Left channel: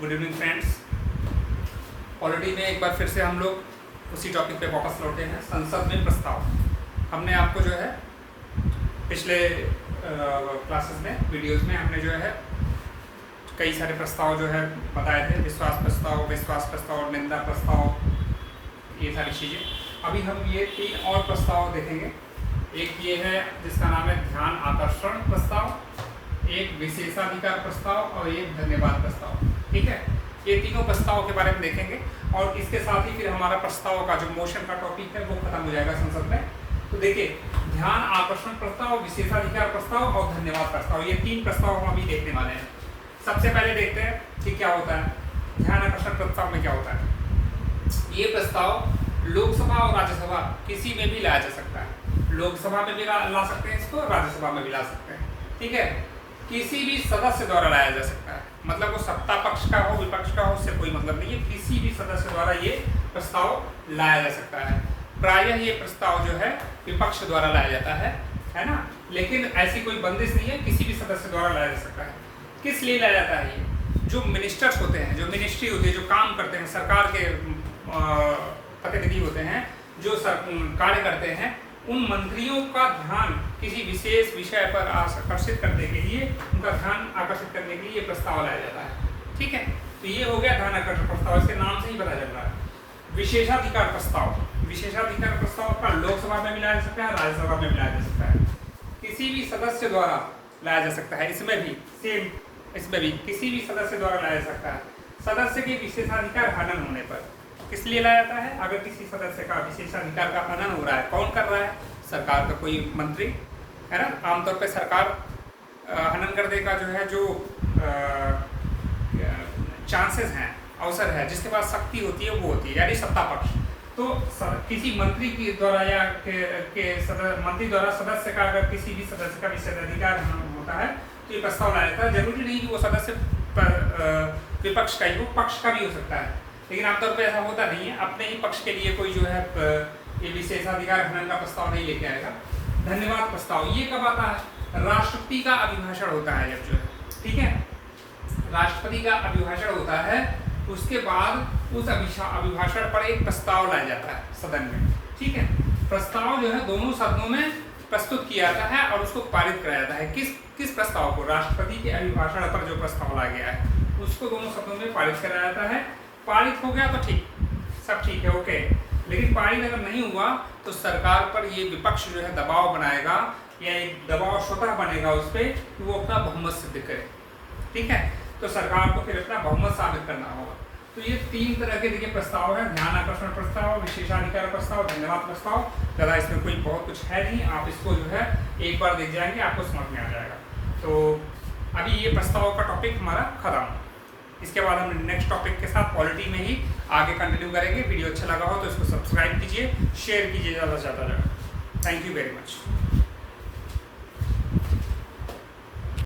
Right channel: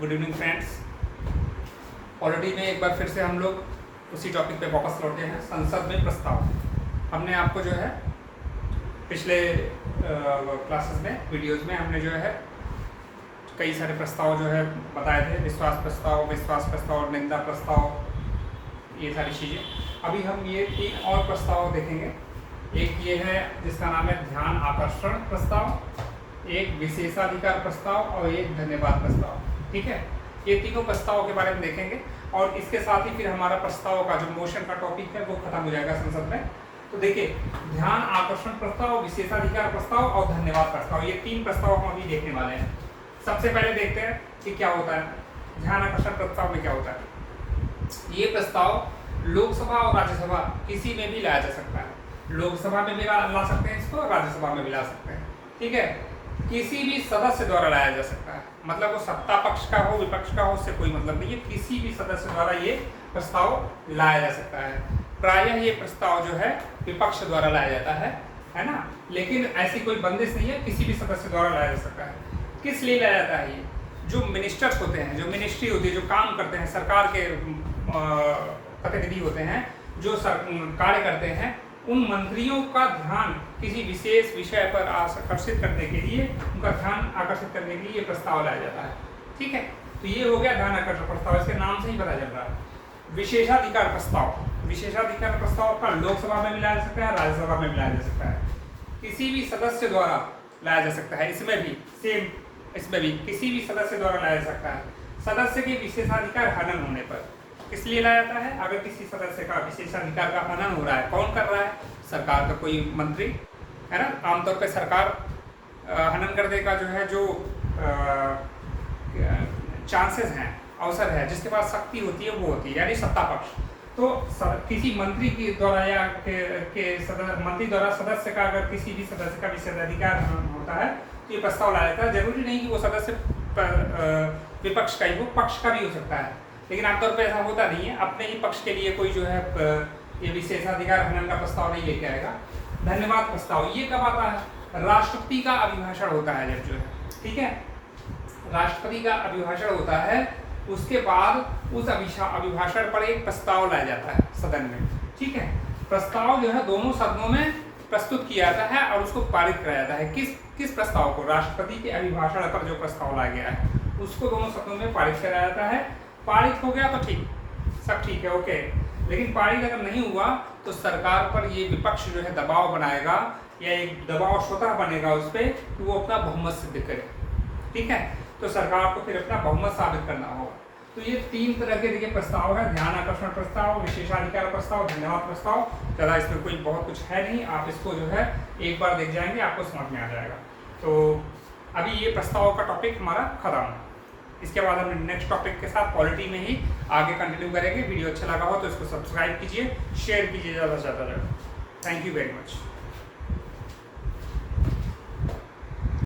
Good evening friends. Polity में एक बार फिर से हम लोग उसी टॉपिक पे वापस लौटे हैं, संसद में प्रस्ताव। हमने आपको जो है पिछले क्लासेस में, वीडियोस में हमने जो है कई सारे प्रस्ताव जो है बताए थे, विश्वास प्रस्ताव, निंदा प्रस्ताव, ये सारी चीज़ें। अभी हम ये 3 और प्रस्ताव देखेंगे। एक ये है जिसका नाम है ध्यान आकर्षण प्रस्ताव, एक विशेषाधिकार प्रस्ताव और एक धन्यवाद प्रस्ताव। ठीक है, ये तीनों प्रस्तावों के बारे में देखेंगे और इसके साथ ही फिर हमारा प्रस्ताव का जो मोशन का टॉपिक है वो खत्म हो जाएगा संसद में। तो देखिए, ध्यान आकर्षण प्रस्ताव, विशेषाधिकार प्रस्ताव और धन्यवाद प्रस्ताव, ये 3 प्रस्ताव हम अभी देखने वाले हैं। सबसे पहले देखते हैं कि क्या होता है ध्यान आकर्षण प्रस्ताव में। क्या होता है ये प्रस्ताव लोकसभा और राज्यसभा किसी में भी लाया जा सकता है। लोकसभा में भी ला सकते हैं इसको, राज्यसभा में भी ला सकते हैं। ठीक है, किसी भी सदस्य द्वारा लाया जा सकता है, मतलब वो सत्ता पक्ष का हो विपक्ष का हो, उससे कोई मतलब नहीं है। किसी भी सदस्य द्वारा ये प्रस्ताव लाया जा सकता है। प्रायः ये प्रस्ताव जो है विपक्ष द्वारा लाया जाता है ना, लेकिन ऐसी कोई बंदिश नहीं है, किसी भी सदस्य द्वारा लाया जा सकता है। किस लिए लाया जाता है ये? जो मिनिस्टर्स होते हैं, जो मिनिस्ट्री होती है, जो काम करते हैं, सरकार के प्रतिनिधि होते हैं, जो कार्य करते हैं, उन मंत्रियों का ध्यान किसी विशेष विषय पर आकर्षित करने के लिए, उनका ध्यान आकर्षित करने के लिए ये प्रस्ताव लाया जाता है। ठीक है, तो ये हो गया ध्यान आकर्षण प्रस्ताव, इसके नाम से ही पता चल रहा है। विशेषाधिकार प्रस्ताव, विशेषाधिकार प्रस्ताव का लोकसभा में भी लाया जा सकता है, राज्यसभा में भी लाया जा सकता है। किसी भी सदस्य द्वारा लाया जा सकता है, इसमें भी सेम, इसमें भी किसी भी सदस्य द्वारा लाया जा सकता है। सदस्य के विशेषाधिकार हनन होने पर किस लिए लाया जाता है? अगर किसी सदस्य का विशेषाधिकार का हनन हो रहा है, कौन कर रहा है? सरकार का कोई मंत्री, है ना। आमतौर पे सरकार हनन करने का जो है जो चांसेस हैं, अवसर है, जिसके पास शक्ति होती है वो होती है, यानी सत्ता पक्ष। तो किसी मंत्री के द्वारा या मंत्री द्वारा सदस्य का, अगर किसी भी सदस्य का विशेषाधिकार हनन होता है तो ये प्रस्ताव लाया जाता है। जरूरी नहीं कि वो सदस्य विपक्ष का ही हो, पक्ष का भी हो सकता है, लेकिन आमतौर पर ऐसा होता नहीं है। अपने ही पक्ष के लिए कोई जो है ये विशेषाधिकार हनन का प्रस्ताव नहीं लेके आएगा। धन्यवाद प्रस्ताव ये कब आता है? राष्ट्रपति का अभिभाषण होता है जब, जो है, ठीक है, राष्ट्रपति का अभिभाषण होता है, उसके बाद उस अभिभाषण पर एक प्रस्ताव लाया जाता है सदन में। ठीक है, प्रस्ताव जो है दोनों सदनों में प्रस्तुत किया जाता है और उसको पारित कराया जाता है। किस प्रस्ताव को? राष्ट्रपति के अभिभाषण पर जो प्रस्ताव लाया गया है उसको दोनों सदनों में पारित कराया जाता है। पारित हो गया तो ठीक, सब ठीक है, ओके। लेकिन पारित अगर नहीं हुआ तो सरकार पर ये विपक्ष जो है दबाव बनाएगा, या एक दबाव स्वतः बनेगा उस पर कि वो अपना बहुमत सिद्ध करे। ठीक है, तो सरकार को फिर अपना बहुमत साबित करना होगा। तो ये 3 तरह के देखिए प्रस्ताव है, ध्यान आकर्षण प्रस्ताव, विशेषाधिकार प्रस्ताव, धन्यवाद प्रस्ताव। ज़्यादा इसमें कोई बहुत कुछ है नहीं, आप इसको जो है एक बार देख जाएंगे, आपको समझ में आ जाएगा। तो अभी ये प्रस्ताव का टॉपिक हमारा खत्म। इसके बाद हम नेक्स्ट टॉपिक के साथ पॉलिटी में ही आगे कंटिन्यू करेंगे। वीडियो अच्छा लगा हो तो इसको सब्सक्राइब कीजिए, शेयर कीजिए ज़्यादा से ज़्यादा। Thank you very much.